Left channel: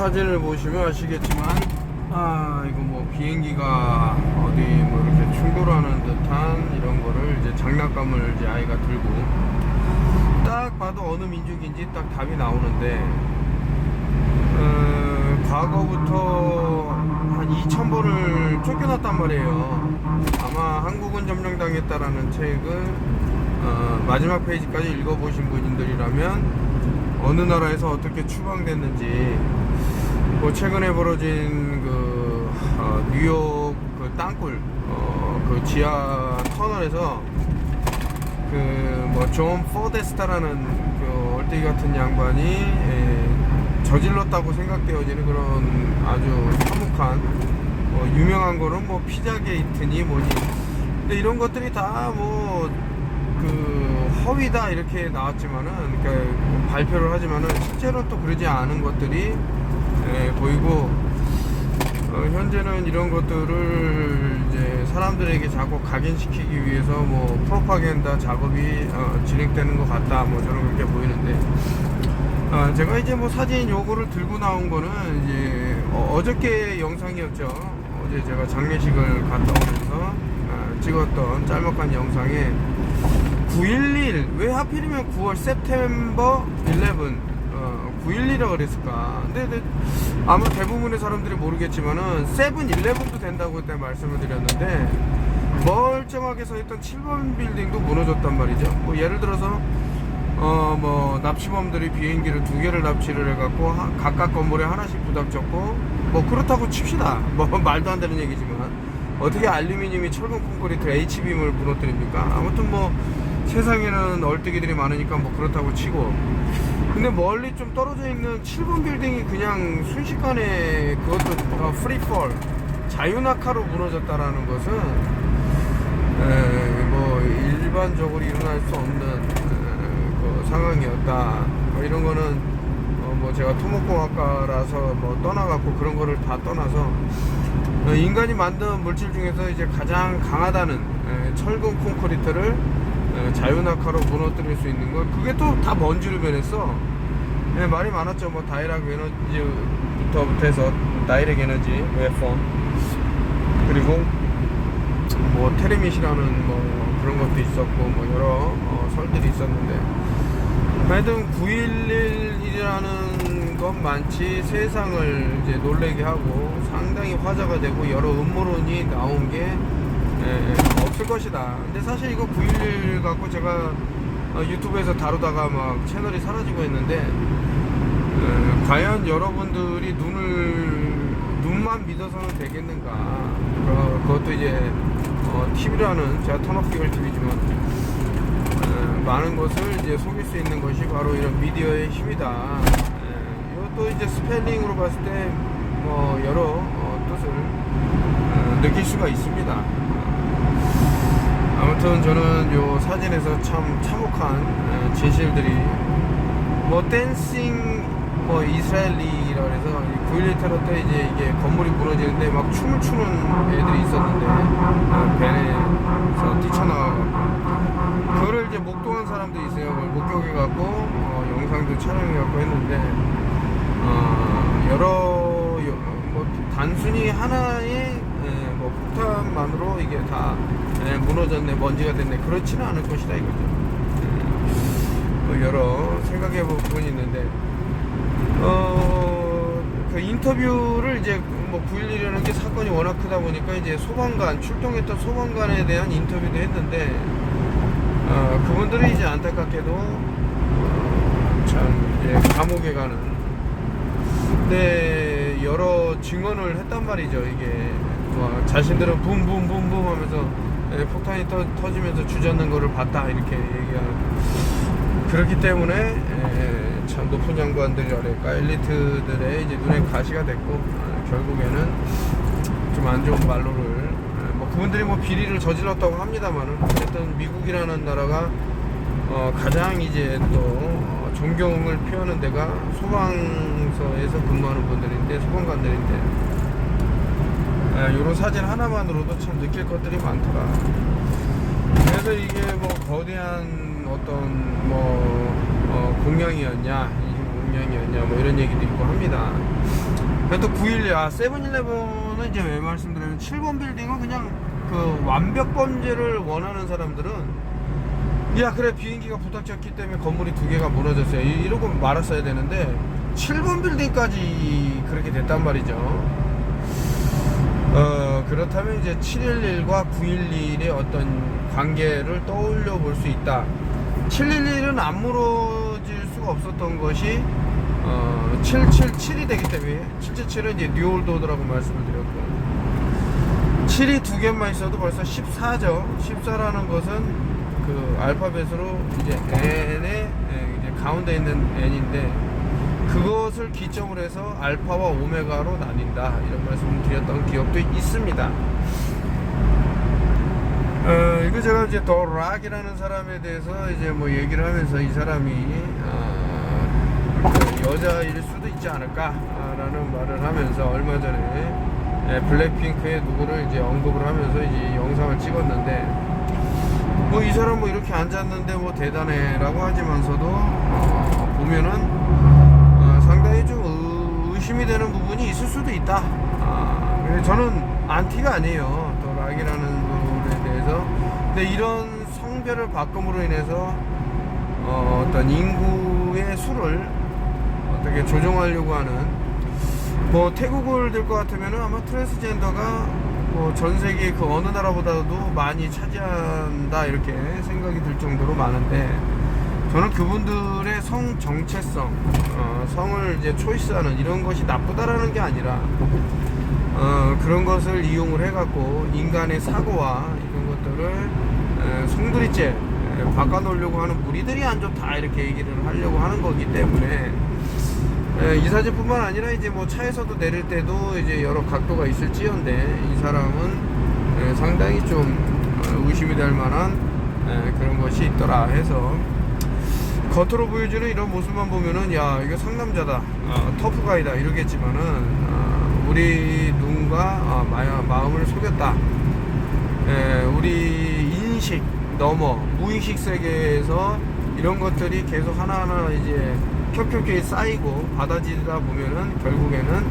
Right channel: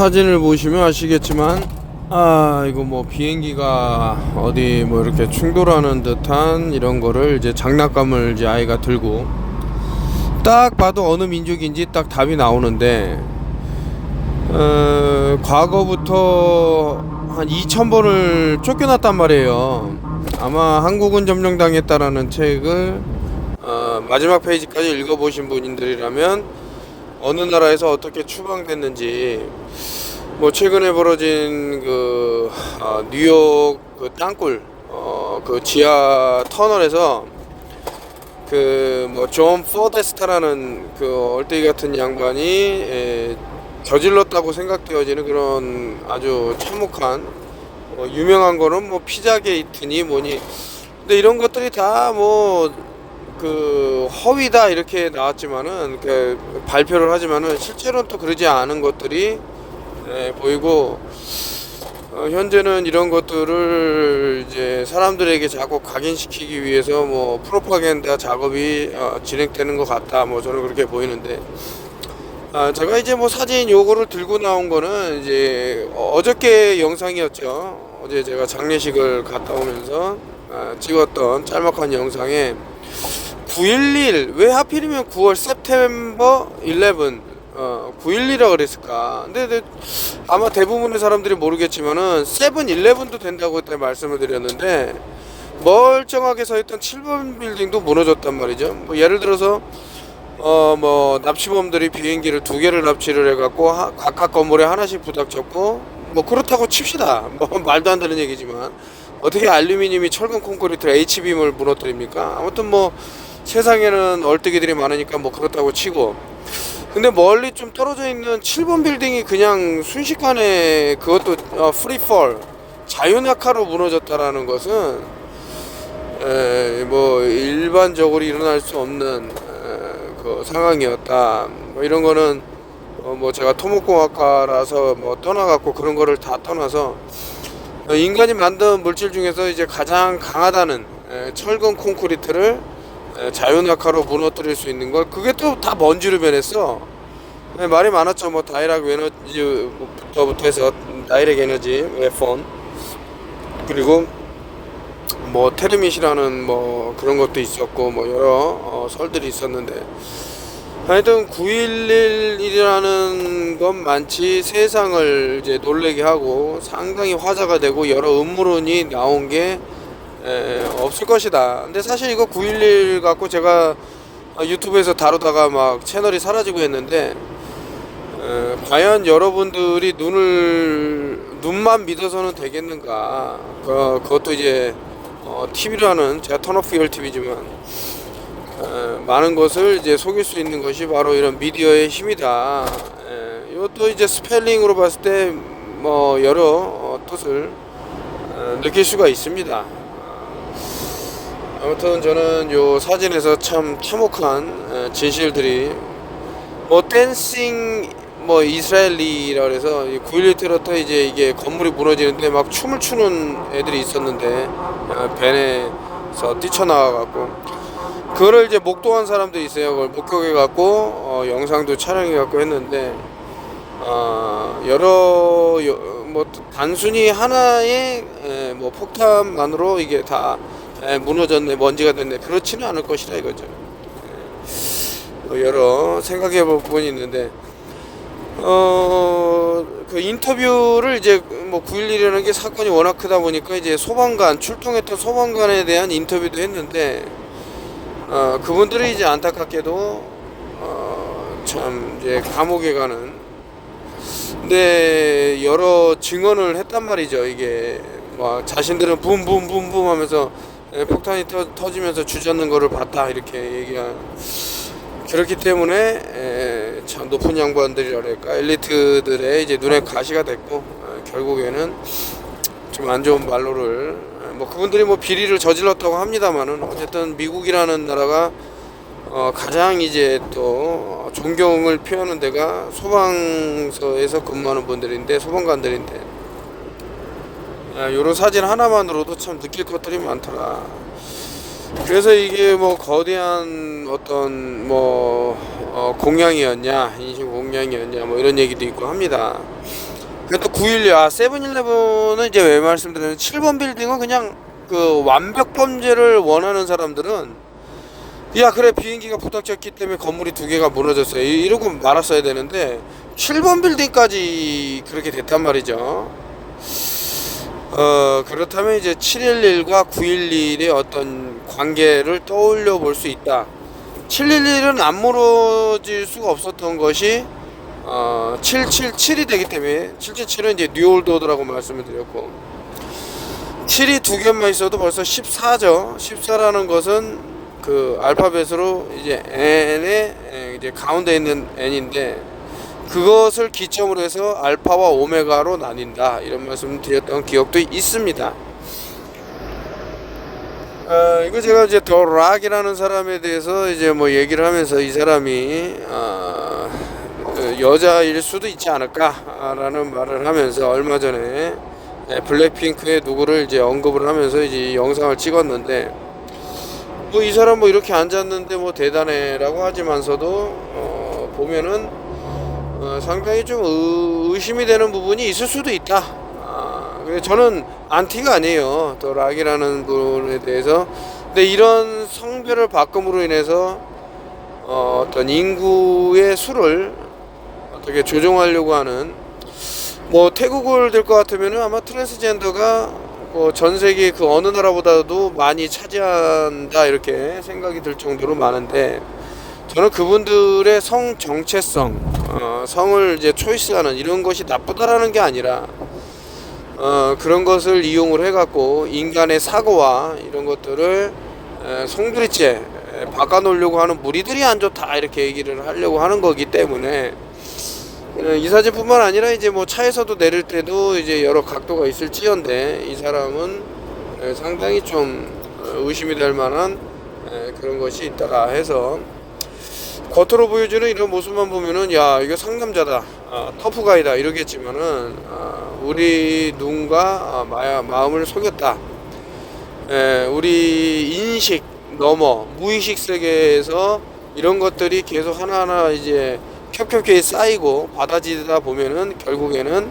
사진을 보시면 아시겠지만 이거 뭐 비행기가 어디 뭐 이렇게 충돌하는 듯한 이런 거를 이제 장난감을 이제 아이가 들고 딱 봐도 어느 민족인지 딱 답이 나오는데 과거부터 한 2000번을 쫓겨났단 말이에요. 아마 한국은 점령당했다라는 책을 마지막 페이지까지 읽어보신 분들이라면 어느 나라에서 어떻게 추방됐는지, 뭐 최근에 벌어진 그 뉴욕 그 땅굴 그 지하 터널에서 그 뭐 존 포데스타라는 그 얼떼기 같은 양반이 저질렀다고 생각되어지는 그런 아주 참혹한 유명한 거는 뭐 피자 게이트니 뭐니, 근데 이런 것들이 다 뭐 그 허위다 이렇게 나왔지만은 그 발표를 하지만은 실제로는 또 그러지 않은 것들이 보이고, 현재는 이런 것들을 이제 사람들에게 자꾸 각인시키기 위해서 뭐 프로파간다 작업이 진행되는 것 같다, 뭐 저는 그렇게 보이는데, 제가 이제 뭐 사진 요거를 들고 나온 거는 이제 어저께 영상이었죠. 어제 제가 장례식을 갔다 오면서 찍었던 짤막한 영상에 9.11 왜 하필이면 9월 September 11 9.11이라 그랬을까. 근데 아마 대부분의 사람들이 모르겠지만은 7-11도 된다고 그때 말씀을 드렸는데, 멀쩡하게 서있던 7번 빌딩도 무너졌단 말이죠. 뭐 예를 들어서 뭐 납치범들이 비행기를 2개를 납치를 해갖고 각각 건물에 하나씩 부닥쳤고, 뭐 그렇다고 칩시다. 뭐 말도 안 되는 얘기지만 어떻게 알루미늄이 철근 콘크리트 H빔을 무너뜨립니까? 아무튼 뭐 세상에는 얼뜨기들이 많으니까 뭐 그렇다고 치고, 근데 멀리 좀 떨어져 있는 7번 빌딩이 그냥 순식간에 그것도 프리폴 자유낙하로 무너졌다라는 것은 뭐 일반적으로 일어날 수 없는 그 상황이었다. 뭐 이런 거는 뭐 제가 토목공학과라서 뭐 떠나갖고 그런 거를 다 떠나서 인간이 만든 물질 중에서 이제 가장 강하다는 철근 콘크리트를 자유낙하로 무너뜨릴 수 있는 걸, 그게 또 다 먼지로 변했어. 말이 많았죠. 뭐 다이렉트 에너지부터 해서 다이렉트 에너지 웨폰, 그리고 뭐 테르밋이라는 뭐 그런 것도 있었고, 뭐 여러 설들이 있었는데, 하여튼 9.11이라는 것만치 세상을 이제 놀래게 하고 상당히 화제가 되고 여러 음모론이 나온 게 없을 것이다. 근데 사실 이거 9.11 갖고 제가 유튜브에서 다루다가 막 채널이 사라지고 했는데, 과연 여러분들이 눈만 믿어서는 되겠는가. 그것도 이제 TV라는, 제가 턴오프 TV지만 많은 것을 이제 속일 수 있는 것이 바로 이런 미디어의 힘이다. 이것도 이제 스펠링으로 봤을 때 뭐 여러 뜻을 느낄 수가 있습니다. 아무튼 저는 요 사진에서 참 참혹한 진실들이, 뭐 댄싱 뭐 이스라엘리라 그래서 9.11 테러 때 이제 이게 건물이 무너지는데 막 춤을 추는 애들이 있었는데, 벤에서 뛰쳐나와갖고 그거를 이제 목도한 사람도 있어요. 그걸 목격해갖고 영상도 촬영해갖고 했는데, 뭐 단순히 하나의 뭐 폭탄만으로 이게 다 무너졌네, 먼지가 됐네, 그렇지는 않을 것이다 이거죠. 뭐 여러 생각해 볼 부분이 있는데, 그 인터뷰를 이제 뭐 9.11이라는 게 사건이 워낙 크다 보니까 이제 출동했던 소방관에 대한 인터뷰도 했는데, 그분들이 이제 안타깝게도 참 이제 감옥에 가는, 근데 여러 증언을 했단 말이죠. 이게 막 자신들은 붐붐붐붐 하면서 폭탄이 터지면서 주저앉는 거를 봤다 이렇게 얘기한. 그렇기 때문에 참 높은 양반들이랄까, 엘리트들의 이제 눈에 가시가 됐고, 결국에는 좀 안 좋은 말로를, 뭐 그분들이 뭐 비리를 저질렀다고 합니다만은, 어쨌든 미국이라는 나라가 가장 이제 또 존경을 표하는 데가 소방서에서 근무하는 분들인데, 소방관들인데, 요런 사진 하나만으로도 참 느낄 것들이 많더라. 그래서 이게 뭐 거대한 어떤 뭐 공양이었냐, 인식 공양이었냐, 뭐 이런 얘기도 있고 합니다. 그래도 911, 세븐일레븐은 이제 왜 말씀드리냐면 7번 빌딩은 그냥 그 완벽 범죄를 원하는 사람들은 야 그래 비행기가 부닥쳤기 때문에 건물이 2개가 무너졌어요 이러고 말았어야 되는데 7번 빌딩까지 그렇게 됐단 말이죠. 그렇다면 이제 711과 911의 어떤 관계를 떠올려 볼 수 있다. 711은 안 무너질 수가 없었던 것이 777이 되기 때문에 777은 이제 뉴올드라고 말씀을 드렸고 7이 2개만 있어도 벌써 14죠. 14라는 것은 그 알파벳으로 이제 n의 이제 가운데 있는 n인데 그것을 기점으로 해서 알파와 오메가로 나뉜다 이런 말씀을 드렸던 기억도 있습니다. 이거 제가 이제 더 락이라는 사람에 대해서 이제 뭐 얘기를 하면서 이 사람이 그 여자일 수도 있지 않을까라는 말을 하면서 얼마 전에 블랙핑크의 누구를 이제 언급을 하면서 이제 영상을 찍었는데 뭐 이 사람 뭐 이렇게 앉았는데 뭐 대단해라고 하지만서도 보면은 상당히 좀 의심이 되는 부분이 있을 수도 있다. 근데 저는 안티가 아니에요. 더 락이라는 분에 대해서. 근데 이런 성별을 바꿈으로 인해서 어떤 인구의 수를 어떻게 조정하려고 하는 뭐 태국을 들 것 같으면은 아마 트랜스젠더가 뭐 전 세계 그 어느 나라보다도 많이 차지한다 이렇게 생각이 들 정도로 많은데 저는 그분들의 성 정체성, 성을 이제 초이스하는 이런 것이 나쁘다라는 게 아니라 그런 것을 이용을 해갖고 인간의 사고와 이런 것들을 송두리째 바꿔놓으려고 하는 무리들이 안 좋다 이렇게 얘기를 하려고 하는 거기 때문에 이 사진뿐만 아니라 이제 뭐 차에서도 내릴 때도 이제 여러 각도가 있을지언데 이 사람은 상당히 좀 의심이 될 만한 그런 것이 있더라 해서 겉으로 보여주는 이런 모습만 보면은 야 이거 상남자다 터프가이다 이러겠지만은 우리 눈과 마음을 속였다. 우리 인식 넘어 무의식 세계에서 이런 것들이 계속 하나하나 이제 켜켜케 쌓이고 받아지다 보면은 결국에는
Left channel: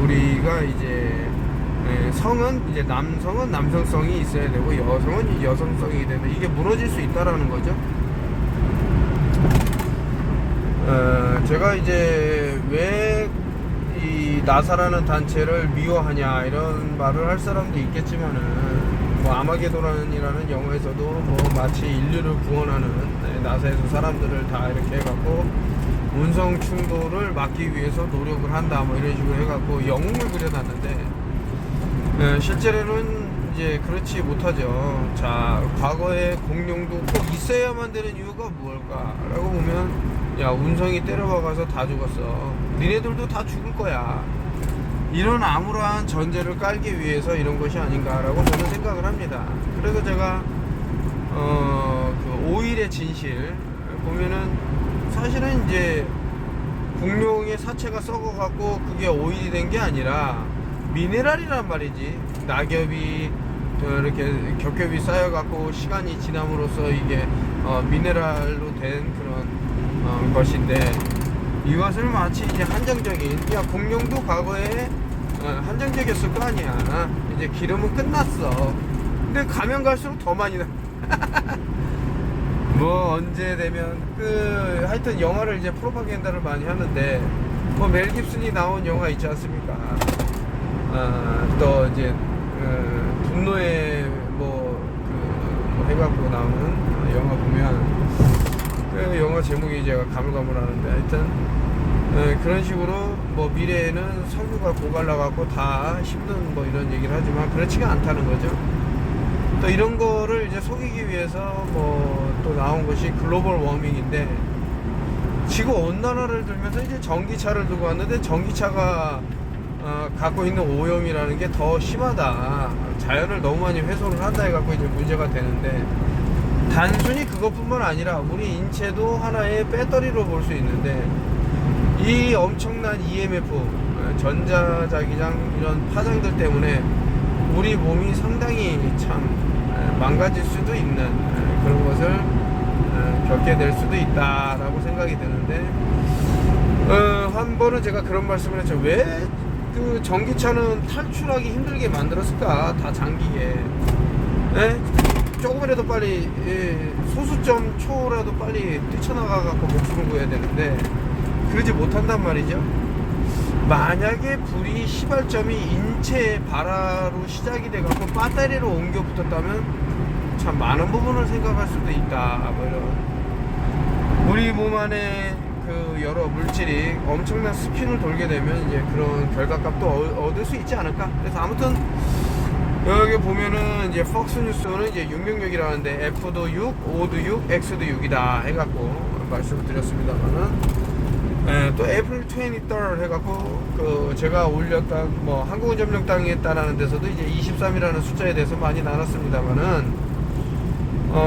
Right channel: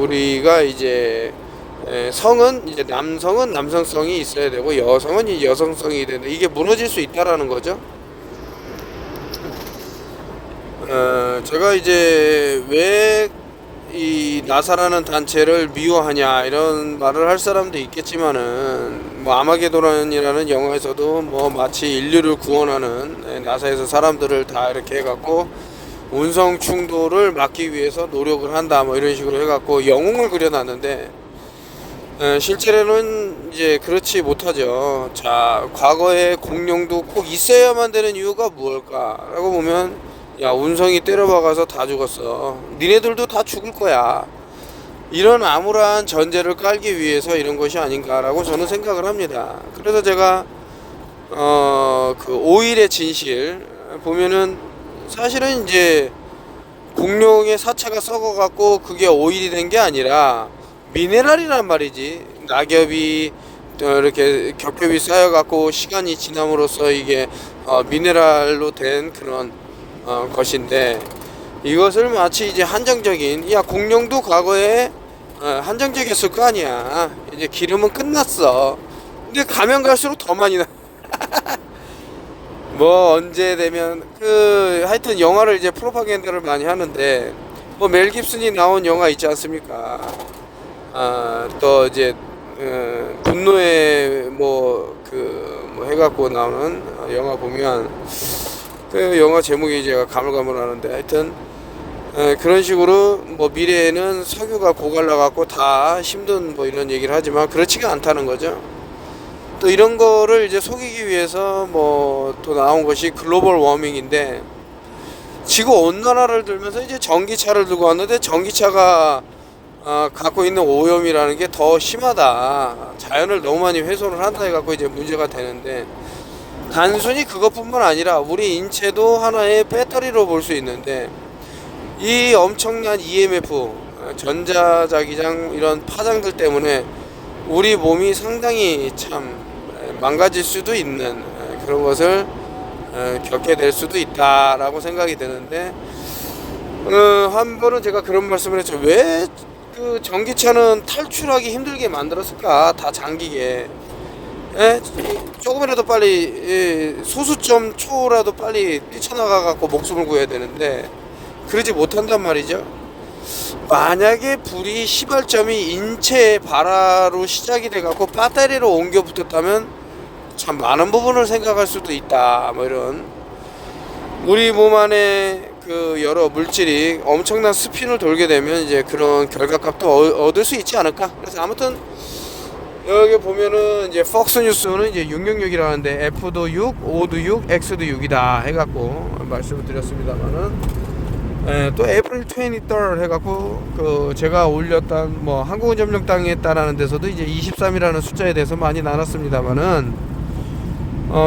우리가 이제 성은 이제 남성은 남성성이 있어야 되고 여성은 이제 여성성이 되는 이게 무너질 수 있다라는 거죠. 제가 이제 왜 이 나사라는 단체를 미워하냐 이런 말을 할 사람도 있겠지만은 뭐 아마게도란이라는 영화에서도 뭐 마치 인류를 구원하는 나사에서 사람들을 다 이렇게 해갖고 운성 충돌을 막기 위해서 노력을 한다 뭐 이런 식으로 해갖고 영웅을 그려놨는데 실제로는 이제 그렇지 못하죠. 자 과거에 공룡도 꼭 있어야만 되는 이유가 무엇일까라고 보면 야 운성이 때려박아서 다 죽었어. 니네들도 다 죽을 거야. 이런 암울한 전제를 깔기 위해서 이런 것이 아닌가라고 저는 생각을 합니다. 그래서 제가 그 오일의 진실 보면은 사실은 이제 공룡의 사체가 썩어갖고 그게 오일이 된 게 아니라 미네랄이란 말이지. 낙엽이 이렇게 겹겹이 쌓여갖고 시간이 지남으로써 이게 미네랄로 된 그런 것인데 이것을 마치 이제 한정적인 야 공룡도 과거에 한정적이었을 거 아니야. 이제 기름은 끝났어. 근데 가면 갈수록 더 많이 나. 뭐 언제 되면 그 하여튼 영화를 이제 프로파간다를 많이 하는데 뭐 멜 깁슨이 나온 영화 있지 않습니까? 또 이제 분노의 뭐 해갖고 나오는 영화 보면 그 영화 제목이 제가 가물가물하는데 하여튼 그런 식으로 뭐 미래에는 석유가 고갈라갖고 다 힘든 뭐 이런 얘기를 하지만 그렇지가 않다는 거죠. 또 이런 거를 이제 속이기 위해서 뭐 또 나온 것이 글로벌 워밍인데 지구 온난화를 들면서 이제 전기차를 들고 왔는데 전기차가 갖고 있는 오염이라는 게 더 심하다. 자연을 너무 많이 훼손을 한다 해갖고 이제 문제가 되는데 단순히 그것뿐만 아니라 우리 인체도 하나의 배터리로 볼 수 있는데 이 엄청난 EMF 전자자기장 이런 파장들 때문에 우리 몸이 상당히 참 망가질 수도 있는 그런 것을 겪게 될 수도 있다라고 생각이 드는데 한 번은 제가 그런 말씀을 했죠. 왜 그 전기차는 탈출하기 힘들게 만들었을까? 다 잠기게. 예? 조금이라도 빨리, 예, 소수점 초라도 빨리 뛰쳐나가 갖고 목숨을 구해야 되는데 그러지 못한단 말이죠. 만약에 불이 시발점이 인체 발화로 시작이 돼 갖고 배터리로 옮겨 붙었다면 참 많은 부분을 생각할 수도 있다. 뭐 이런, 우리 몸 안에 그 여러 물질이 엄청난 스핀을 돌게 되면 이제 그런 결과값도 얻을 수 있지 않을까. 그래서 아무튼 여기 보면은 이제 폭스 뉴스는 이제 666이라는데 F도 6, O도 6, X도 6이다 해갖고 말씀을 드렸습니다만은, 또 에이프릴 23 해갖고 그 제가 올렸던 뭐 한국은 점령당에 따라는 데서도 이제 23이라는 숫자에 대해서 많이 나눴습니다만은,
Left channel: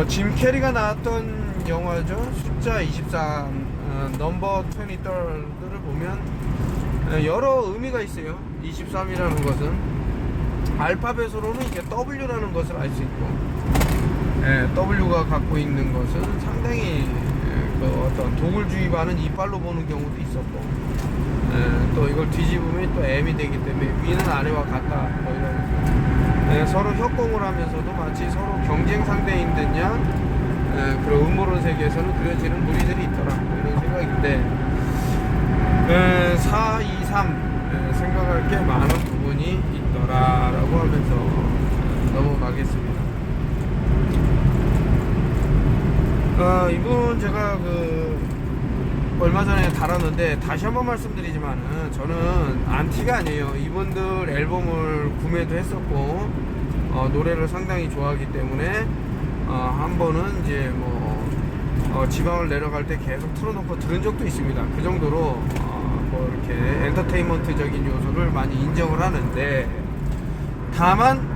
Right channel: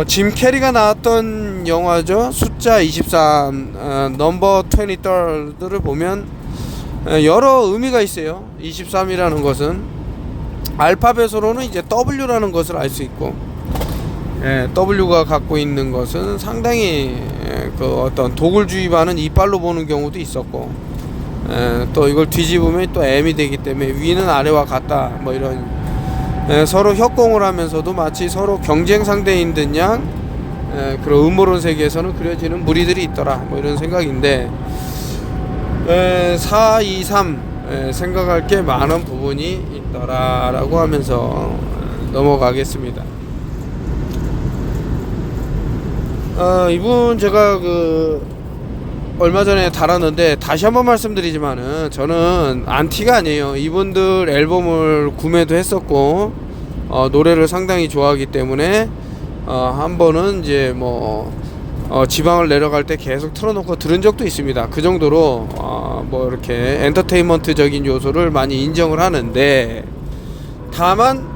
짐 캐리가 나왔던 영화죠. 숫자 23, 넘버 23를 보면 여러 의미가 있어요. 23이라는 것은 알파벳으로는 이제 W라는 것을 알 수 있고, W가 갖고 있는 것은 상당히 그 어떤 독을 주입하는 이빨로 보는 경우도 있었고, 또 이걸 뒤집으면 또 M이 되기 때문에 위는 아래와 같다, 뭐 이런, 서로 협공을 하면서도 마치 서로 경쟁 상대인 듯 양, 그런 음모론 세계에서는 그려지는 무리들이 있더라, 뭐 이런 생각인데, 4, 2, 3 생각할 게 많은 부분이 있더라 라고 하면서 넘어가겠습니다. 이분 제가 얼마 전에 달았는데 다시 한번 말씀드리지만은 저는 안티가 아니에요. 이분들 앨범을 구매도 했었고, 노래를 상당히 좋아하기 때문에 한 번은 이제 지방을 내려갈 때 계속 틀어놓고 들은 적도 있습니다. 그 정도로 뭐 이렇게 엔터테인먼트적인 요소를 많이 인정을 하는데, 다만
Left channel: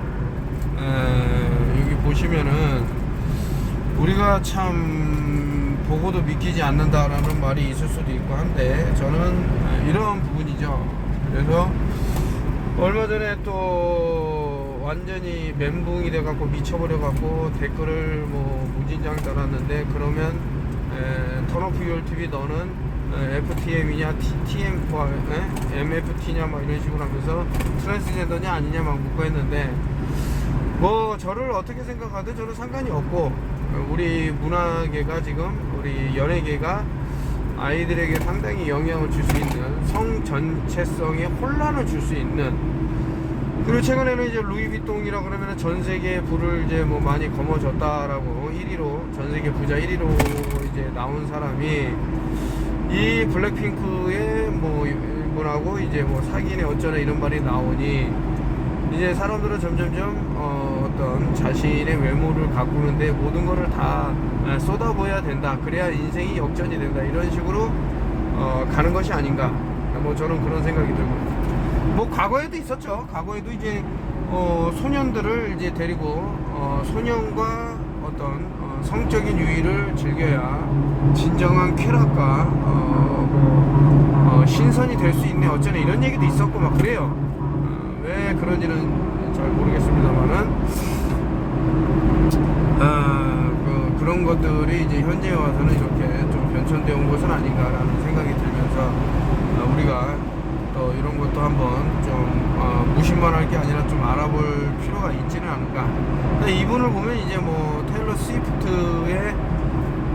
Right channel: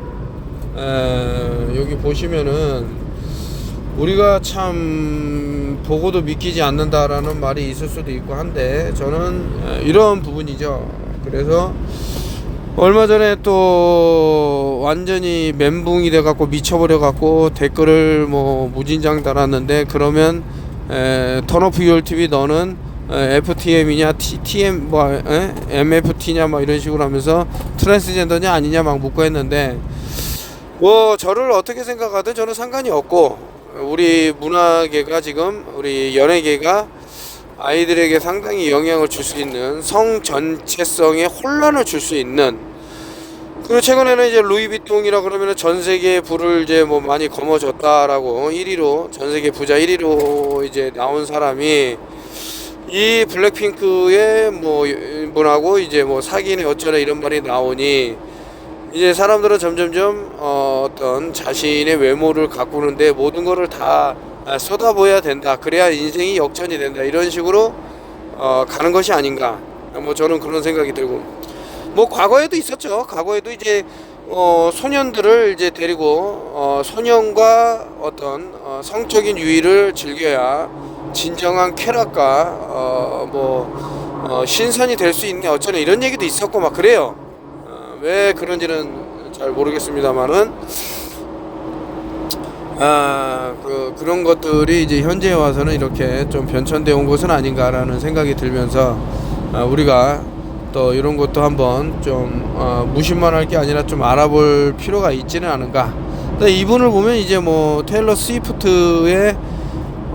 여기 보시면은 우리가 참 보고도 믿기지 않는다라는 말이 있을 수도 있고 한데, 저는 이런 부분이죠. 그래서 얼마 전에 또 완전히 멘붕이 돼 갖고 미쳐버려 갖고 댓글을 뭐 무진장 달았는데, 그러면 턴오프 유얼 TV 너는 FTM이냐 TM 뭐 MFT냐 뭐 이런 식으로 하면서 트랜스젠더냐 아니냐 막 묻고 했는데, 뭐 저를 어떻게 생각하든 저는 상관이 없고, 우리 문화계가 지금, 우리 연예계가 아이들에게 상당히 영향을 줄 수 있는, 성 전체성에 혼란을 줄 수 있는, 그리고 최근에는 이제 루이비통이라 그러면 전 세계에 불을 이제 뭐 많이 거머쥐었다라고 1위로, 전 세계 부자 1위로 이제 나온 사람이 이 블랙핑크의 뭐 분하고 이제 뭐 사귀네 어쩌네 이런 말이 나오니, 이제 사람들은 점점점 어떤 자신의 외모를 가꾸는데 모든 거를 다 쏟아부어야 된다, 그래야 인생이 역전이 된다, 이런 식으로 가는 것이 아닌가. 뭐 저는 그런 생각이 들고, 뭐 과거에도 있었죠. 과거에도 이제 소년들을 이제 데리고 소년과 어떤 성적인 유의를 즐겨야 진정한 쾌락과 신선이 될 수 있네 어쩌네 이런 얘기도 있었고 막 그래요. 왜 그런지는 잘 모르겠습니다만은, 그런 것들이 이제 현재에 와서는 이렇게 좀 변천되어 온 것은 아닌가라는 생각이 들면서, 우리가 또 이런 것도 한번 좀 무심만 할 게 아니라 좀 알아볼 필요가 있지는 않은가. 근데 이분을 보면 이제 뭐 테일러 스위프트의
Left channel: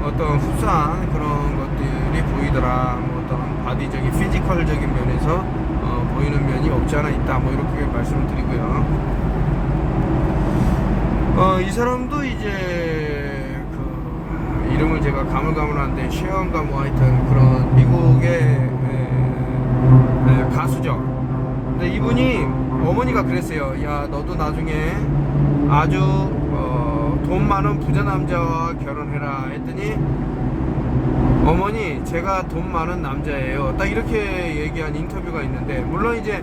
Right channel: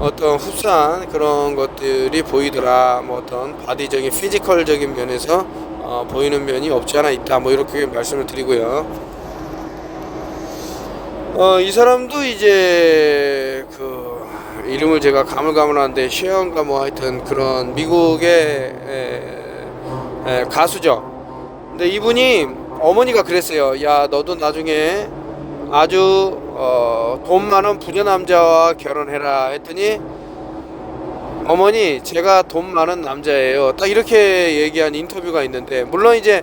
어떤 흡사한 그런 것들이 보이더라. 뭐 어떤 바디적인 피지컬적인 면에서 보이는 면이 없지 않아 있다, 뭐 이렇게 말씀을 드리고요. 이 사람도 이제 그 이름을 제가 가물가물한데 쉐언가 뭐 하여튼 그런 미국의 가수죠. 근데 이분이 어머니가 그랬어요. 야, 너도 나중에 아주 돈 많은 부자 남자와 결혼해라 했더니, 어머니 제가 돈 많은 남자예요, 딱 이렇게 얘기한 인터뷰가 있는데, 물론 이제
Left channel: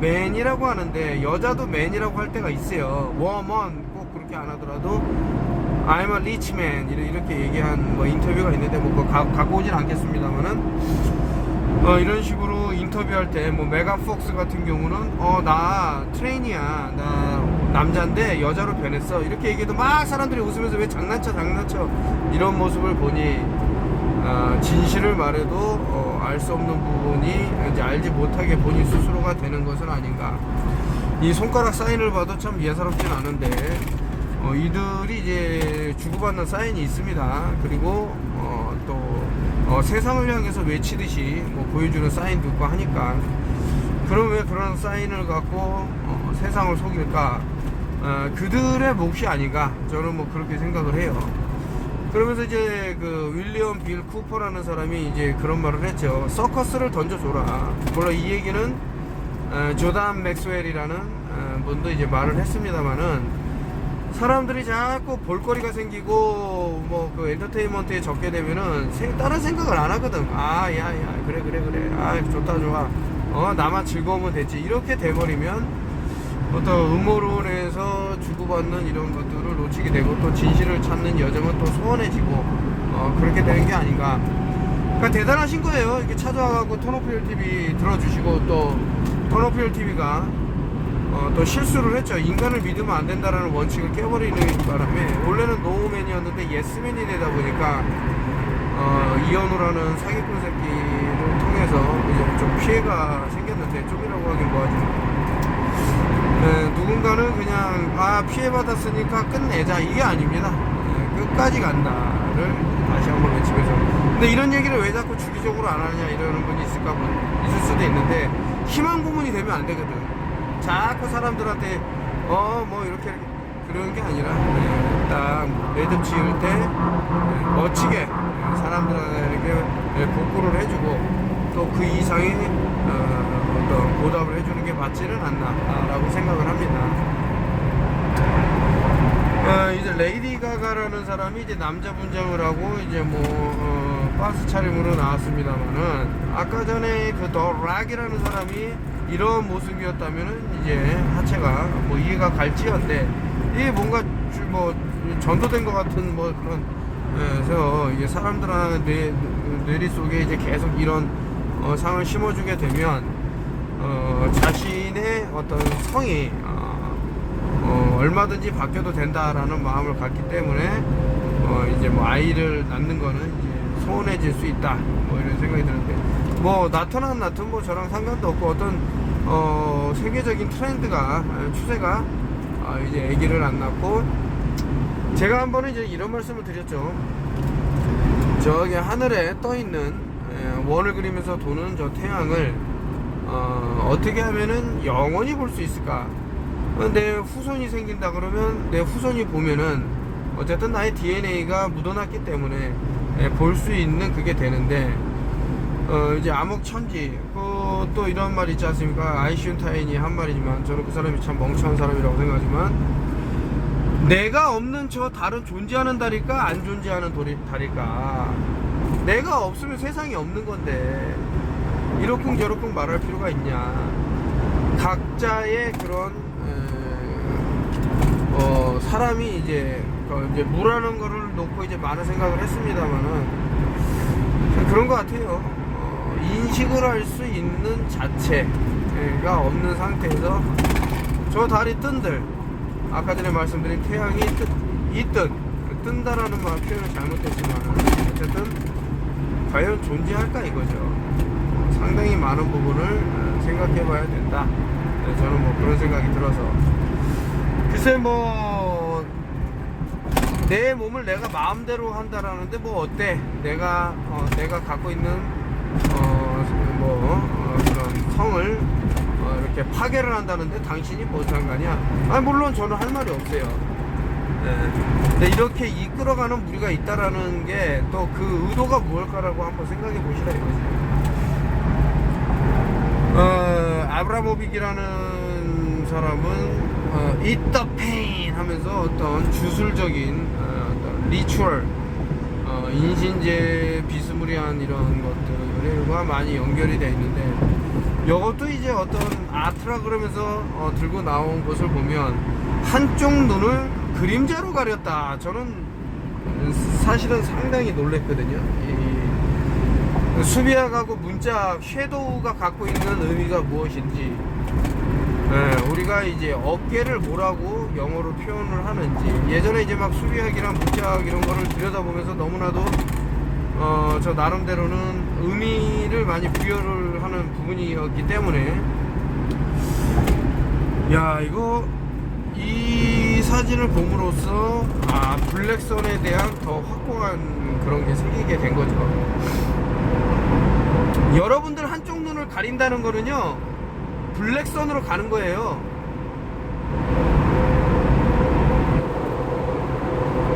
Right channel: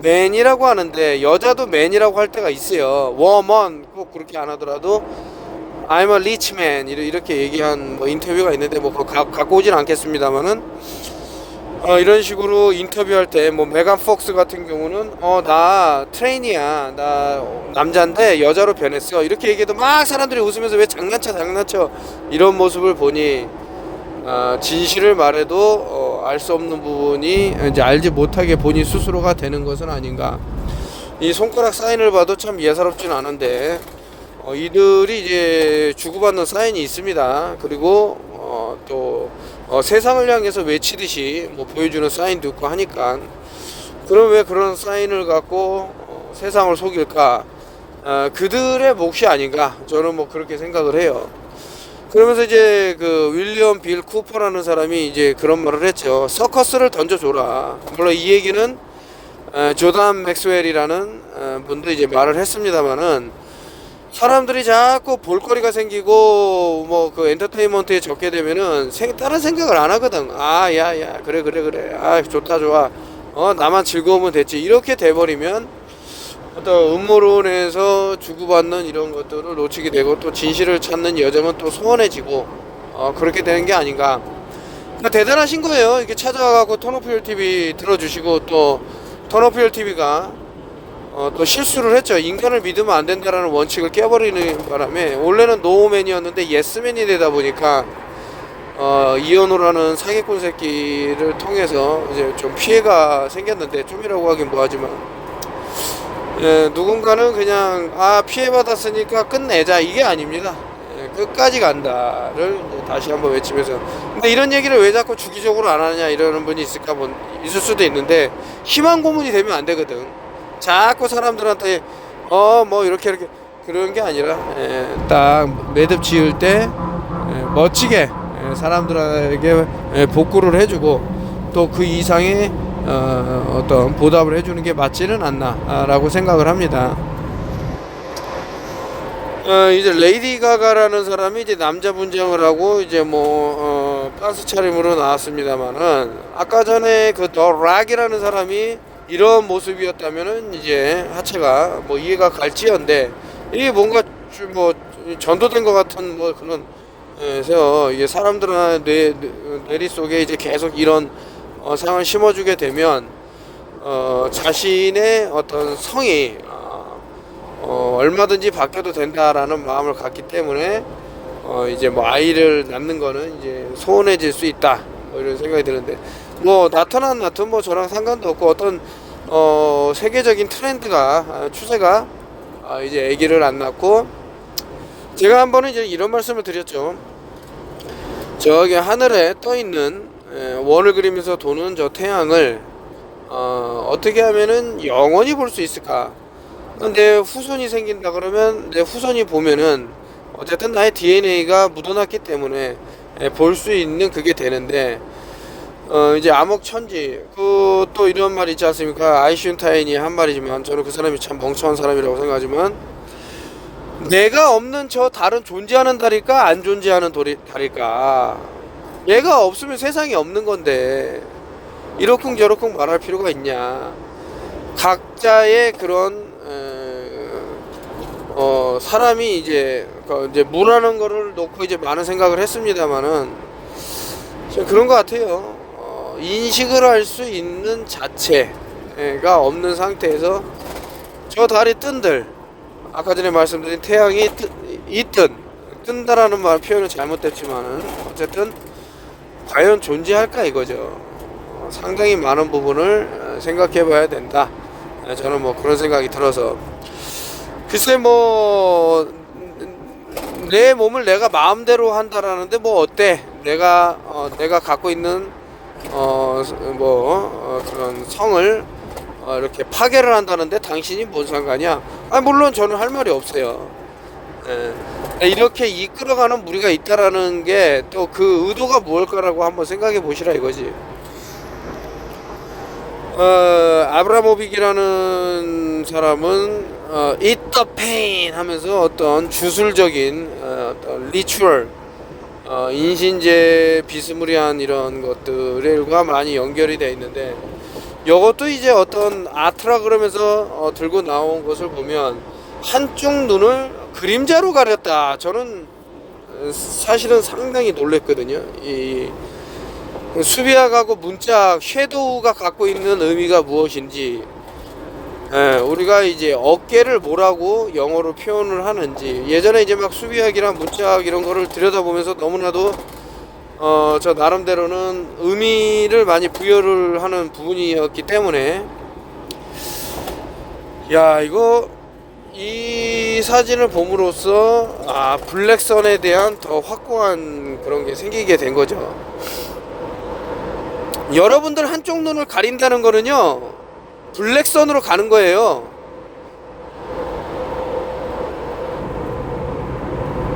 맨이라고 하는데 여자도 맨이라고 할 때가 있어요. 워먼 꼭 그렇게 안 하더라도 I'm a rich man 이렇게 얘기한 뭐 인터뷰가 있는데, 뭐 그거 갖고 오진 않겠습니다만은, 이런 식으로 인터뷰할 때 뭐 메간 폭스 같은 경우는 나 트레인이야, 나 남자인데 여자로 변했어 이렇게 얘기해도 막 사람들이 웃으면서 왜 장난쳐 이런 모습을 보니, 진실을 말해도 알 수 없는 부분이 이제 알지 못하게 본인 스스로가 되는 것은 아닌가. 이 손가락 사인을 봐도 참 예사롭진 않은데 이들이 이제 주고받는 사인이 있습니다. 그리고 또 세상을 향해서 외치듯이 뭐 보여주는 사인도 있고 하니까, 그럼 왜 그런 사인을 갖고 세상을 속일까? 그들의 몫이 아닌가, 저는 뭐 그렇게 생각을 해요. 그러면서 이제 그 윌리엄 빌 쿠퍼라는 사람이 이제 그런 말을 했죠. 서커스를 던져줘라. 물론 이 얘기는 조단 맥스웰이라는 분도 이제 말을 했습니다만은, 사람들이 자꾸 볼거리가 생기고 뭐 그 엔터테인먼트에 적게 되면은 다른 생각을 안 하거든. 야야 그래 좋다 좋아, 나만 즐거우면 됐지, 이렇게 돼버리면 어떤 음모론에서 주고받는 이런 것들을 놓치게 되고, 또 진실을 찾는 여정은 또 소원해지고 그렇게 되는 게 아닌가. 그러니까 대단하신 거예요. 이렇게 찾아가고 턴오프힐 TV 들어주시고, 또 턴오프힐 TV가 또 실수를 했죠. 인간을 믿으면 안 된다라는 원칙을 깨버리는 바람에 원래는 노우맨이었는데 예스맨이 되다 보니까 이현우라는 사기꾼 새끼를 통해서 이제 좀 피해가 생겼는데, 좀이라고 하긴 뭐하지만, 누군가는 그냥 피해받았으니까 끝내자, 이게 아닙니다. 끝까지 간다를 다시 한번 외치면서, 근데 이런 얘기를 왜 자꾸 주기적으로 안 하냐 이러는 분이 있을 수도 있는데, 희망 고문이 되면 안 되거든. 자꾸 사람들한테 뭐 이렇게 그런 게 아니라 딱 매듭 지을 때 멋지게 사람들에게 복구를 해주고, 또 그 이상의 어떤 보답을 해주는 게 맞지는 않나라고 생각을 합니다. 이제 레이디 가가라는 사람이 이제 남자 분장을 하고 이제 뭐 빤스 차림으로 나왔습니다만은, 아까 전에 그 더 락이라는 사람이 이런 모습이었다면은 이제 하체가 뭐 이해가 갈지언데, 이게 뭔가 뭐 전도된 것 같은 뭐 그런, 그래서 이게 사람들의 뇌리 속에 이제 계속 이런 상을 심어주게 되면 자신의 어떤 성이 얼마든지 바뀌어도 된다라는 마음을 갖기 때문에 이제 뭐 아이를 낳는 거는 이제 소원해질 수 있다, 뭐 이런 생각이 드는데, 뭐 나타난 뭐 저랑 상관도 없고, 어떤 세계적인 트렌드가 추세가 이제 아기를 안 낳고, 제가 한 번은 이제 이런 말씀을 드렸죠. 저기 하늘에 떠 있는 원을 그리면서 도는 저 태양을 어떻게 하면은 영원히 볼 수 있을까? 근데 후손이 생긴다 그러면 내 후손이 보면은 어쨌든 나의 DNA가 묻어났기 때문에 볼 수 있는 그게 되는데, 이제 암흑천지, 또 이런 말 있지 않습니까? 아이슈타인이 한 말이지만, 저는 그 사람이 참 멍청한 사람이라고 생각하지만, 내가 없는 저 달은 존재하는 달일까 안 존재하는 달일까? 내가 없으면 세상이 없는 건데 이러쿵저러쿵 말할 필요가 있냐. 각자의 그런 사람이 이제 무라는 거를 놓고 이제 많은 생각을 했습니다만은, 그런 것 같아요. 인식을 할 수 있는 자체가 없는 상태에서 저 달이 뜬들, 아까 전에 말씀드린 태양이 뜬다라는 말 표현은 잘못됐지만은 어쨌든 과연 존재할까 이거죠. 상당히 많은 부분을 생각해 봐야 된다. 저는 뭐 그런 생각이 들어서, 글쎄 뭐 내 몸을 내가 마음대로 한다라는데 뭐 어때? 내가 갖고 있는 그런 성을 이렇게 파괴를 한다는데 당신이 뭔 상관이야? 물론 저는 할 말이 없어요. 이렇게 이끌어가는 무리가 있다라는 게 또 그 의도가 무엇일까라고 한번 생각해 보시라 이거지. 아브라모빅이라는 사람은 eat the pain 하면서 어떤 주술적인 어떤 리추얼, 인신제 비스무리한 이런 것들과 많이 연결이 되어 있는데, 이것도 이제 어떤 아트라 그러면서 들고 나온 것을 보면 한쪽 눈을 그림자로 가렸다. 저는 사실은 상당히 놀랬거든요. 이 수비학하고 문짝 섀도우가 갖고 있는 의미가 무엇인지, 우리가 이제 어깨를 뭐라고 영어로 표현을 하는지, 예전에 이제 막 수비학이랑 문짝 이런 거를 들여다보면서 너무나도 저 나름대로는 의미를 많이 부여를 하는 부분이었기 때문에 야 이거 이 사진을 봄으로써 블랙선에 대한 더 확고한 그런 게 생기게 된 거죠. 여러분들 한쪽 눈을 가린다는 거는요 블랙선으로 가는 거예요.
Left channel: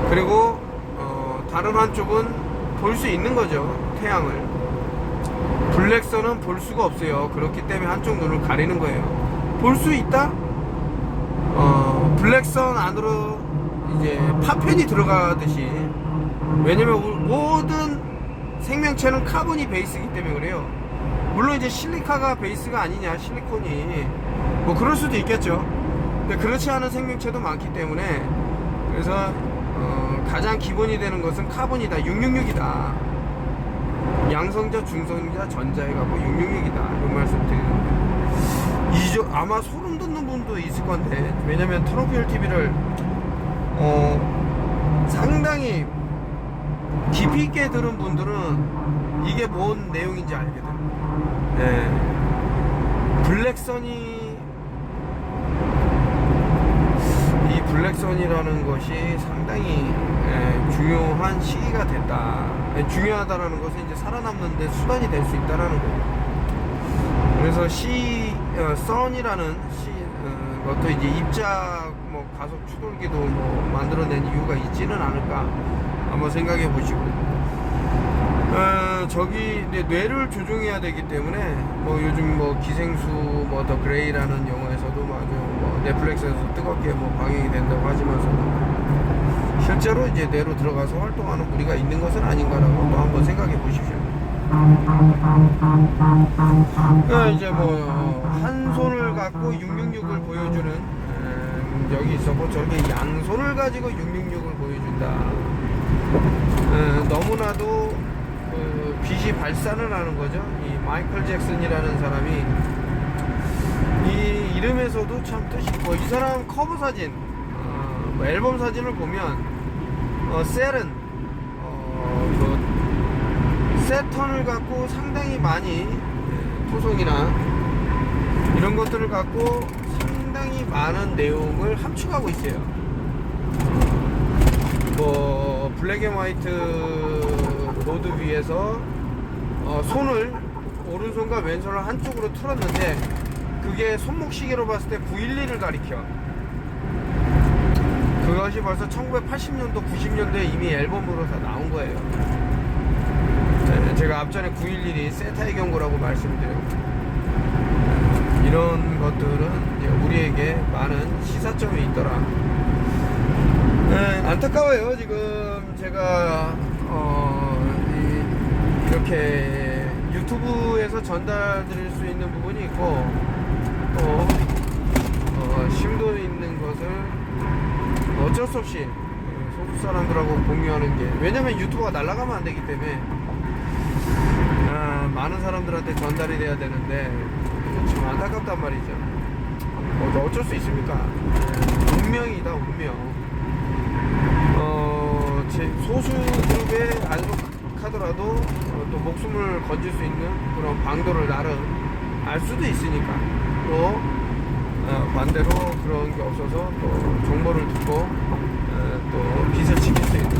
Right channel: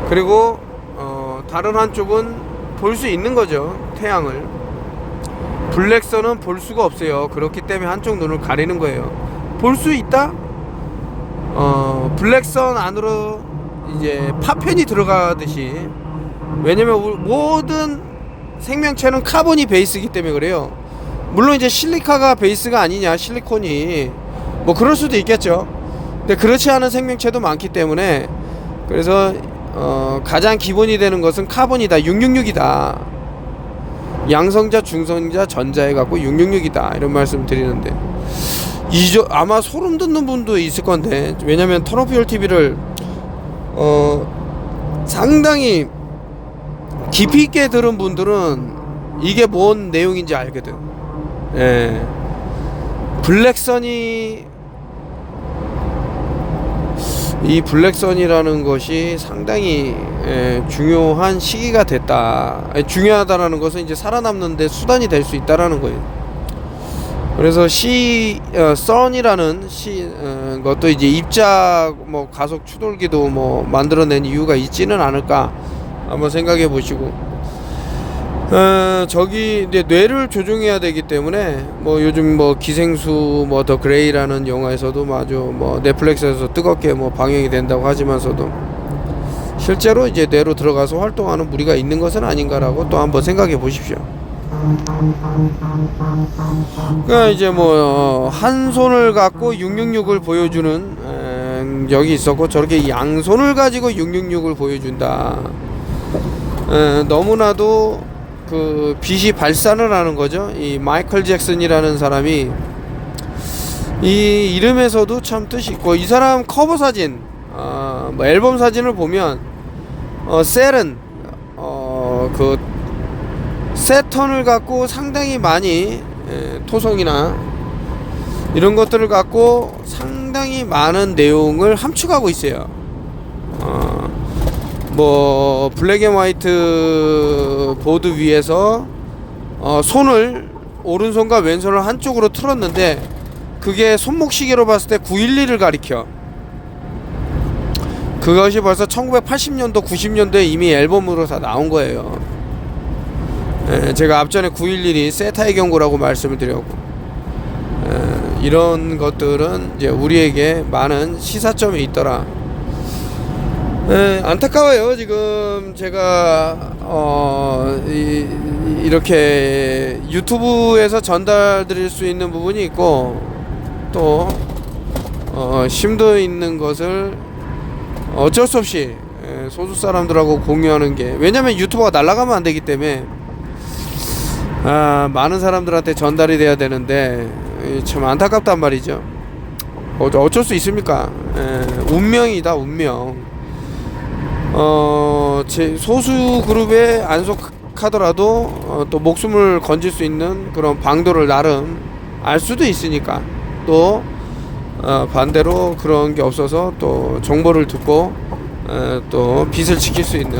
그리고 다른 한쪽은 볼 수 있는 거죠. 태양을. 블랙선은 볼 수가 없어요. 그렇기 때문에 한쪽 눈을 가리는 거예요. 볼 수 있다? 블랙선 안으로 이제 파편이 들어가듯이. 왜냐면 모든 생명체는 카본이 베이스이기 때문에 그래요. 물론 이제 실리카가 베이스가 아니냐, 실리콘이 뭐 그럴 수도 있겠죠. 근데 그렇지 않은 생명체도 많기 때문에 그래서 가장 기본이 되는 것은 카본이다. 666이다. 양성자, 중성자, 전자해 갖고 666이다. 이런 말씀 드리는데 아마 소름 돋는 분도 있을 건데 왜냐면 터너퓨얼 TV를 상당히 깊이 있게 들은 분들은 이게 뭔 내용인지 알거든. 예. 이 블랙선이라는 것이 상당히 중요한 시기가 됐다. 중요하다라는 것은 이제 살아남는데 수단이 될 수 있다라는 거예요. 그래서 선이라는 것도 이제 입자 뭐 가속 추돌기도 뭐 만들어낸 이유가 있지는 않을까 한번 생각해 보시고 저기 이제 뇌를 조종해야 되기 때문에 뭐 요즘 뭐 기생수 뭐 더 그레이라는 영화에서도 아주 뭐 넷플릭스에서 뜨겁게 뭐 방영이 된다고 하지만서도 실제로 이제 뇌로 들어가서 활동하는 무리가 있는 것은 아닌가라고 또 한번 생각해 보십시오. 그러니까 이제 뭐 한 손을 갖고 666을 보여주는 여기 있었고 저렇게 양손을 가지고 666을 보여준다. 너무나도 그 빛이 발산을 하는 거죠. 이 마이클 잭슨이라는 사람이 이 이름에서도 참 뜻이 있고 이 사람 커버 사진 뭐 앨범 사진을 보면 셀은 그 세턴을 갖고 상당히 많이 토성이나 이런 것들을 갖고 상당히 많은 내용을 함축하고 있어요. 뭐 블랙 앤 화이트 보드 위에서 손을 오른손과 왼손을 한쪽으로 틀었는데 그게 손목 시계로 봤을 때 911을 가리켜. 그것이 벌써 1980년도 90년도에 이미 앨범으로 다 나온 거예요. 제가 앞전에 911이 세타의 경고라고 말씀을 드렸고 이런 것들은 이제 우리에게 많은 시사점이 있더라. 안타까워요. 지금 제가 이렇게 유튜브에서 전달 드릴 수 있는 부분이 있고 또 심도 있는 것을 어쩔 수 없이 소수 사람들하고 공유하는 게 왜냐면 유튜브가 날아가면 안 되기 때문에 많은 사람들한테 전달이 돼야 되는데 참 안타깝단 말이죠. 어쩔 수 있습니까? 운명이다, 운명. 제 소수 그룹에 안 속하더라도 또 목숨을 건질 수 있는 그런 방도를 나름 알 수도 있으니까 또 반대로 그런 게 없어서 또 정보를 듣고 또 빛을 지킬 수 있는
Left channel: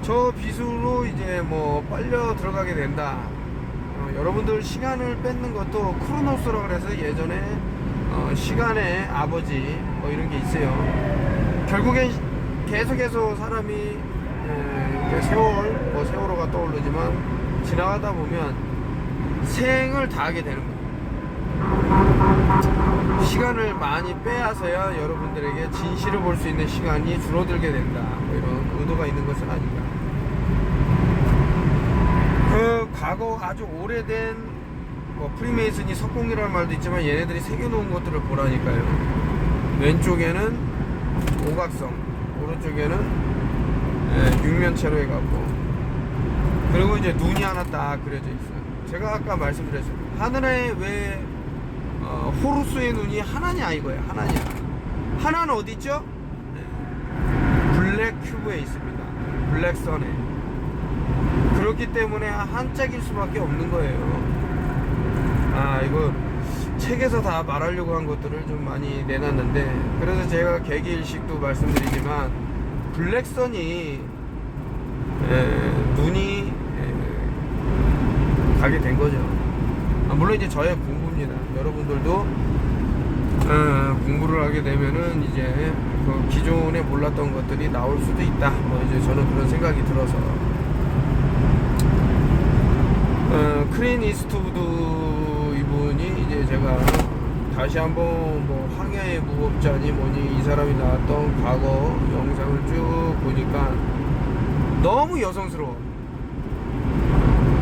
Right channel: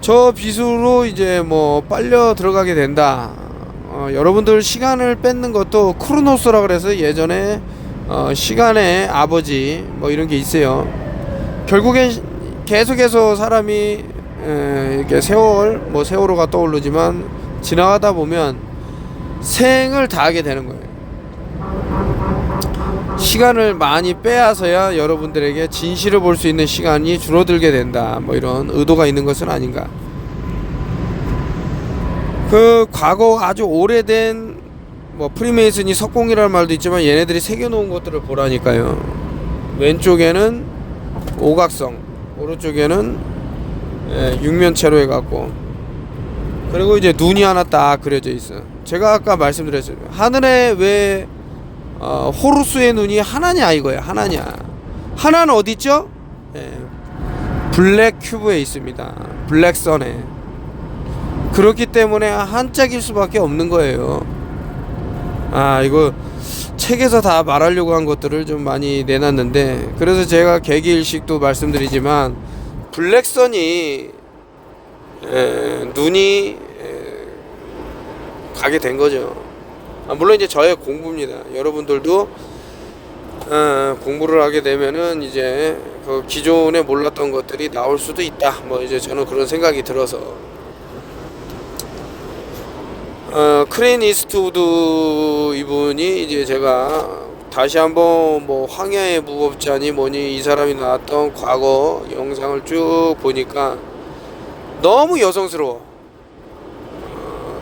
저 빛으로 이제 뭐 빨려 들어가게 된다. 여러분들 시간을 뺏는 것도 크로노스라 그래서 예전에 시간의 아버지 뭐 이런 게 있어요. 결국엔 계속해서 사람이 이렇게 세월호가 떠오르지만 지나가다 보면 생을 다하게 되는 거예요. 시간을 많이 빼앗아야 여러분들에게 진실을 볼 수 있는 시간이 줄어들게 된다. 뭐 이런 의도가 있는 것은 아닌가. 그 과거 아주 오래된 뭐 프리메이슨이 석공이라는 말도 있지만 얘네들이 새겨놓은 것들을 보라니까요. 왼쪽에는 오각성, 오른쪽에는 육면체로 해갖고 그리고 이제 눈이 하나 딱 그려져 있어요. 제가 아까 말씀드렸어요. 하늘에 왜 호루스의 눈이 하나냐 이거야. 하나냐. 하나는 어디 있죠? 블랙 큐브에 있습니다. 블랙선에. 그렇기 때문에 한짝일 수밖에 없는 거예요. 이거 책에서 다 말하려고 한 것들을 좀 많이 내놨는데, 그래서 제가 개기일식도 말씀드리지만 블랙선이 눈이 가게 된 거죠. 물론 이제 저의 공부입니다. 여러분들도 공부를 하게 되면은 이제 그 기존에 몰랐던 것들이 나올 수도 있다. 뭐 이제 저는 그런 생각이 들어서. 클린 이스트우드 이분이 이제 제가 다시 한번 뭐 황야의 무법자니 뭐니 이 사람이 나왔던 과거 영상을 쭉 보니까 너무 여성스러워.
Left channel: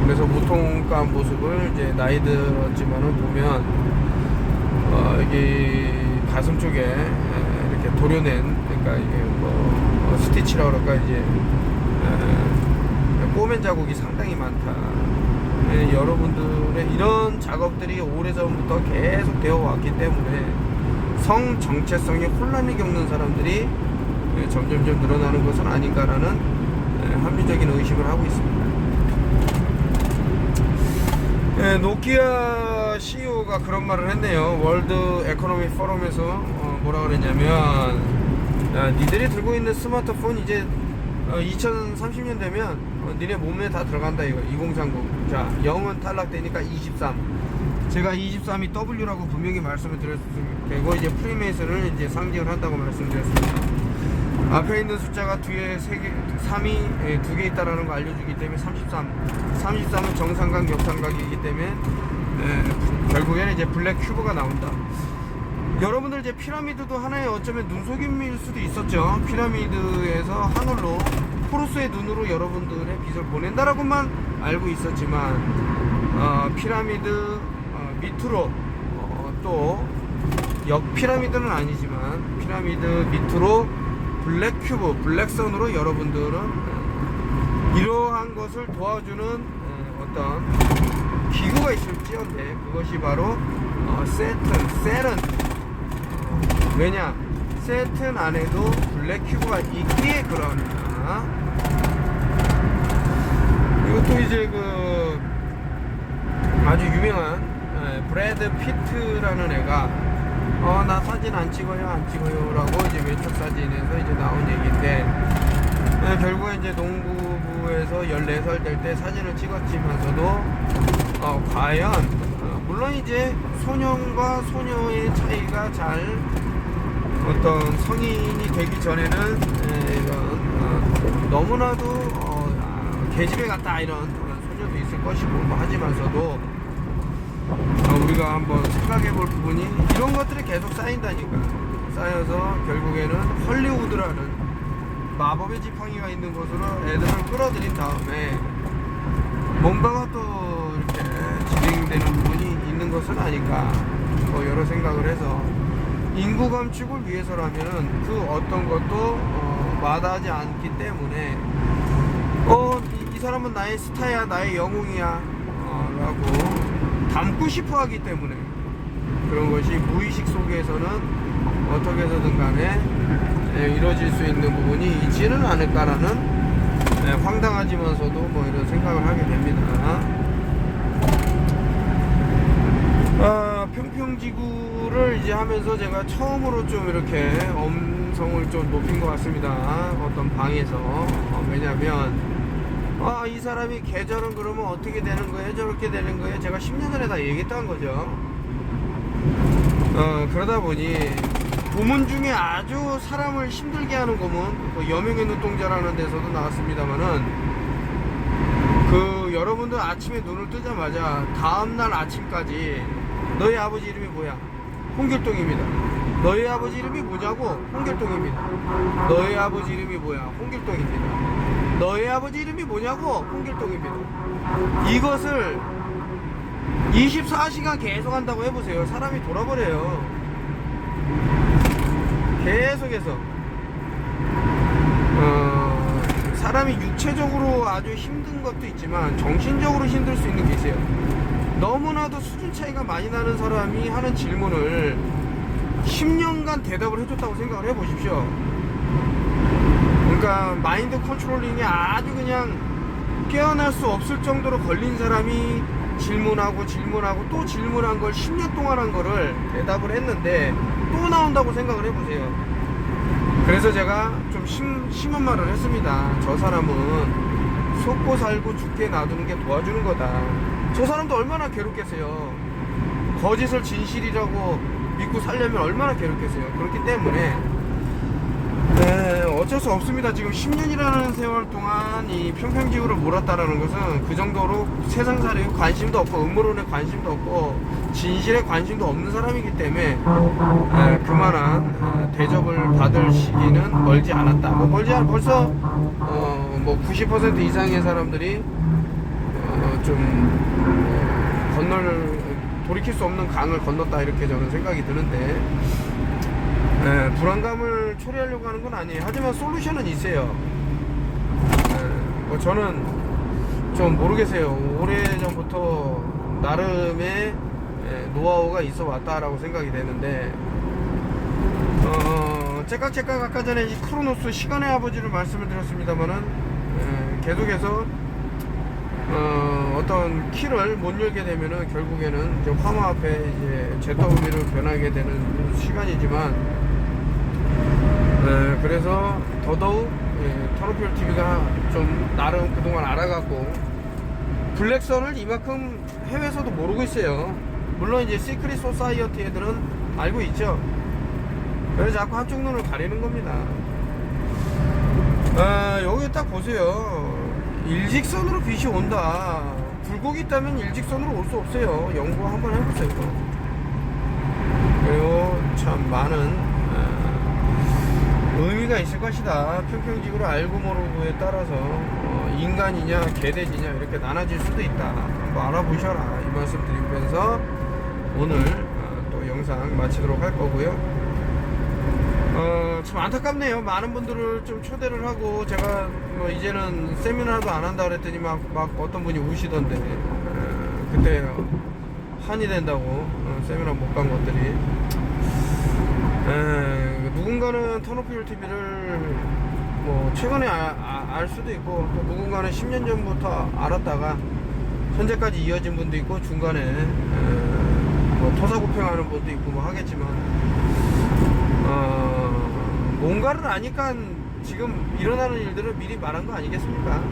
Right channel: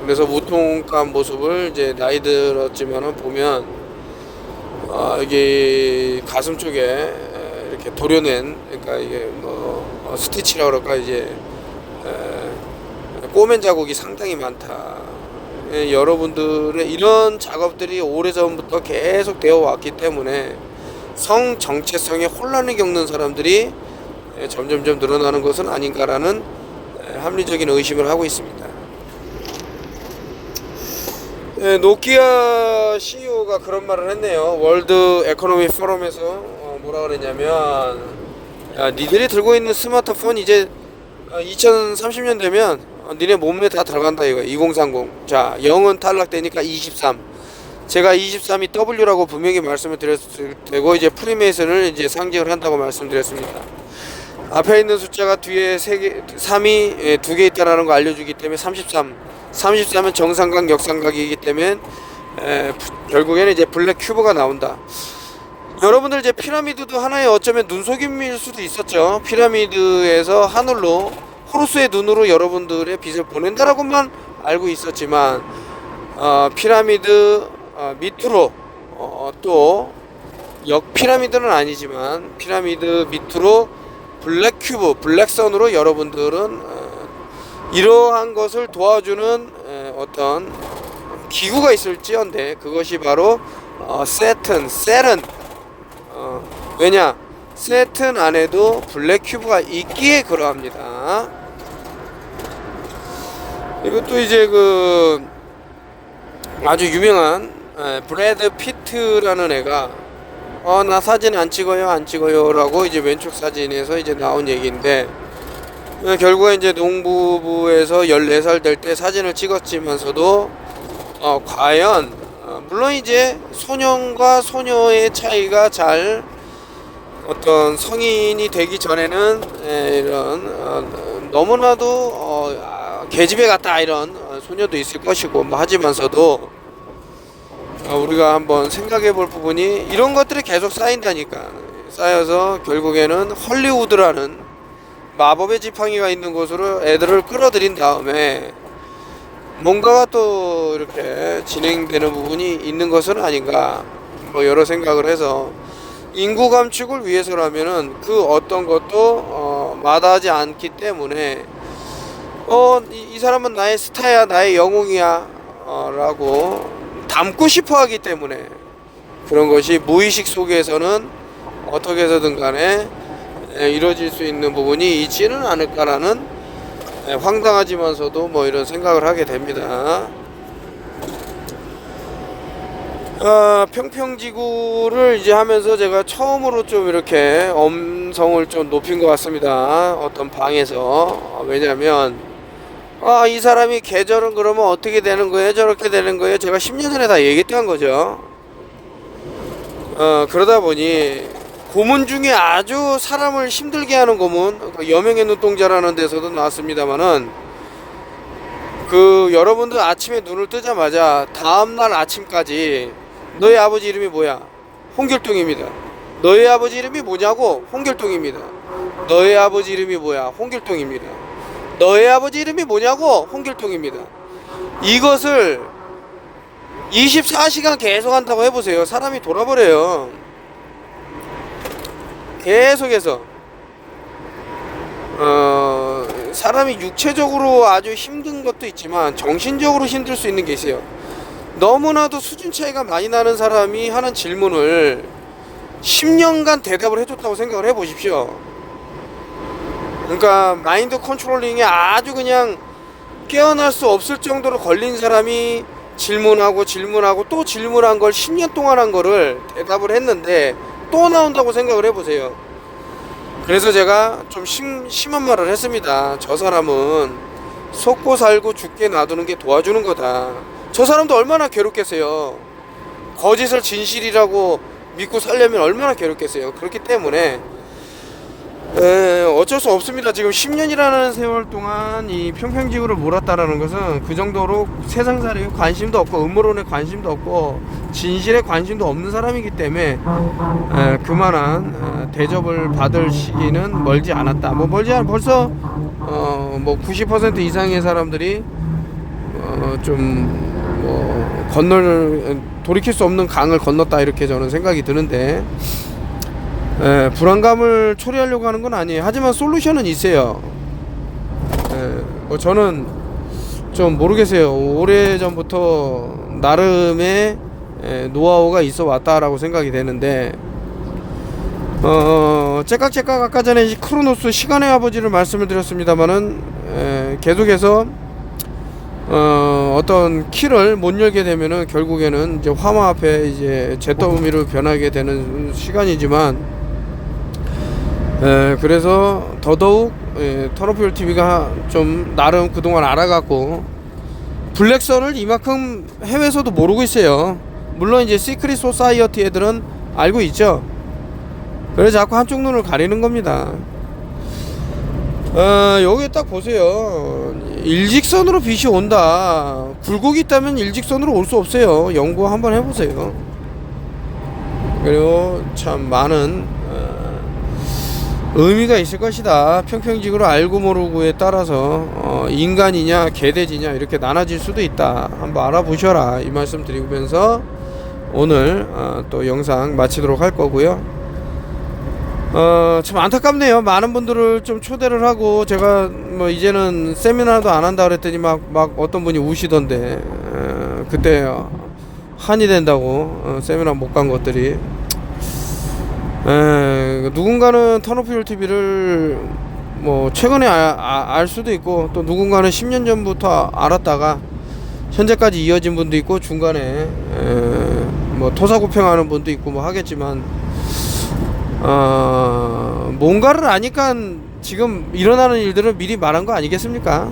그래서 무통감 모습을 이제 나이 들었지만은 보면 이게 가슴 쪽에 이렇게 도려낸, 그러니까 이게 뭐 스티치라 그럴까, 이제 꼬맨 자국이 상당히 많다. 여러분들의 이런 작업들이 오래전부터 계속 되어 왔기 때문에 성 정체성에 혼란을 겪는 사람들이 점점점 늘어나는 것은 아닌가라는 합리적인 의심을 하고 있습니다. 노키아 CEO가 그런 말을 했네요. 월드 에코노미 포럼에서 뭐라 그랬냐면, 니들이 들고 있는 스마트폰 이제 2030년 되면 니네 몸에 다 들어간다 이거. 2030. 자, 0은 탈락되니까 23. 제가 23이 W라고 분명히 말씀을 드렸을 테고, 이제 프리메이슨을 이제 상징을 한다고 말씀드렸습니다. 앞에 있는 숫자가 뒤에 3이 2개 있다라는 거 알려주기 때문에 33은 정삼각 역삼각이기 때문에 결국에는 이제 블랙 큐브가 나온다. 여러분들 이제 피라미드도 하나의 어쩌면 눈속임일 수도 있었죠. 피라미드에서 하늘로 호루스의 눈으로 여러분들의 빛을 보낸다라고만 알고 있었지만 피라미드 밑으로 또 역피라미드는 아니지만 피라미드 밑으로 블랙 큐브, 블랙선으로 여러분들은 이러한 것을 도와주는 어떤 기구가 있을지언데, 그것이 바로 셀은 왜냐, 세튼 안에도 블랙 큐브가 있기에 그러합니다. 이것도 이제 그 아주 유명한 브래드 피트라는 애가 나 사진 안 찍어요 라고 이제 왼쪽 사진에서 이제 나온 얘기인데, 결국에 이제 농부부에서 14살 될 때 사진을 찍었지만서도 과연 물론 이제 소년과 소녀의 차이가 잘 어떤 성인이 되기 전에는 이런 너무나도 계집애 같다 이런 소녀도 있을 것이고 뭐 하지만서도 우리가 한번 생각해 볼 부분이 이런 것들이 계속 쌓인다니까. 쌓여서 결국에는 헐리우드라는 마법의 지팡이가 있는 곳으로 애들을 끌어들인 다음에 뭔가가 또 이렇게 진행되는 부분이 있는 것은 아닌가, 뭐 여러 생각을 해서 인구 감축을 위해서라면은 그 어떤 것도 마다하지 않기 때문에 이 사람은 나의 스타야, 나의 영웅이야 라고 담고 싶어 하기 때문에 그런 것이 무의식 속에서는 어떻게 해서든 간에 이루어질 수 있는 부분이 있지는 않을까라는 황당하지만서도 뭐 이런 생각을 하게 됩니다. 평평지구를 이제 하면서 제가 처음으로 좀 이렇게 엄성을 좀 높인 것 같습니다. 어떤 방에서. 왜냐면 이 사람이 계절은 그러면 어떻게 되는 거예요? 저렇게 되는 거예요? 제가 10년 전에 다 얘기했던 거죠. 그러다 보니 고문 중에 아주 사람을 힘들게 하는 고문, 여명의 눈동자라는 데서도 나왔습니다만은, 그 여러분들 아침에 눈을 뜨자마자 다음날 아침까지 너의 아버지 이름이 뭐야? 홍길동입니다. 너의 아버지 이름이 뭐냐고? 홍길동입니다. 너의 아버지 이름이 뭐야? 홍길동입니다. 너의 아버지 이름이 뭐냐고? 홍길동입니다. 이것을 24시간 계속 한다고 해보세요. 사람이 돌아버려요. 계속해서 사람이 육체적으로 아주 힘든 것도 있지만 정신적으로 힘들 수 있는 게 있어요. 너무나도 수준 차이가 많이 나는 사람이 하는 질문을 10년간 대답을 해줬다고 생각을 해보십시오. 그러니까 마인드 컨트롤링에 아주 그냥 깨어날 수 없을 정도로 걸린 사람이 질문하고 또 질문한 걸 10년 동안 한 거를 대답을 했는데 또 나온다고 생각을 해보세요. 그래서 제가 좀 심한 말을 했습니다. 저 사람은 속고 살고 죽게 놔두는 게 도와주는 거다. 저 사람도 얼마나 괴롭겠어요. 거짓을 진실이라고 믿고 살려면 얼마나 괴롭겠어요. 그렇기 때문에 어쩔 수 없습니다. 지금 10년이라는 세월 동안 이 평평지구를 몰았다라는 것은 그 정도로 세상살이에 관심도 없고 음모론에 관심도 없고 진실에 관심도 없는 사람이기 때문에 그만한 대접을 받을 시기는 멀지 않았다. 뭐 벌써 뭐 90% 이상의 사람들이 돌이킬 수 없는 강을 건넜다 이렇게 저는 생각이 드는데 불안감을 초래하려고 하는 건 아니에요. 하지만 솔루션은 있어요. 뭐 저는 좀 모르겠어요. 오래전부터 나름의 노하우가 있어 왔다라고 생각이 되는데 째깍째깍 아까 전에 크로노스 시간의 아버지를 말씀을 드렸습니다만은 계속해서 어떤 키를 못 열게 되면은 결국에는 이제 화마 앞에 이제 잿더미로 변하게 되는 시간이지만 그래서 더더욱 터너필 TV가 좀 나름 그동안 알아갔고 블랙선을 이만큼 해외에서도 모르고 있어요. 물론 이제 시크릿 소사이어티 애들은 알고 있죠. 그래서 자꾸 한쪽 눈을 가리는 겁니다. 여기 딱 보세요. 일직선으로 빛이 온다. 굴곡이 있다면 일직선으로 올 수 없어요. 연구 한번 해보세요. 그리고 참 많은 의미가 있을 것이다. 평평지구를 알고 모르고에 따라서 인간이냐 개돼지냐 이렇게 나눠질 수도 있다. 한번 알아보셔라 이 말씀 드리면서 오늘 또 영상 마치도록 할 거고요. 참 안타깝네요. 많은 분들을 좀 초대를 하고 제가 뭐 이제는 세미나도 안 한다 그랬더니 막 어떤 분이 우시던데 그때 한이 된다고 세미나 못 간 것들이 누군가는 턴오프 TV를 뭐 최근에 알 수도 있고 또 누군가는 10년 전부터 알았다가 현재까지 이어진 분도 있고 중간에 뭐 토사구팽하는 분도 있고 뭐 하겠지만 뭔가를 아니까 지금 일어나는 일들을 미리 말한 거 아니겠습니까?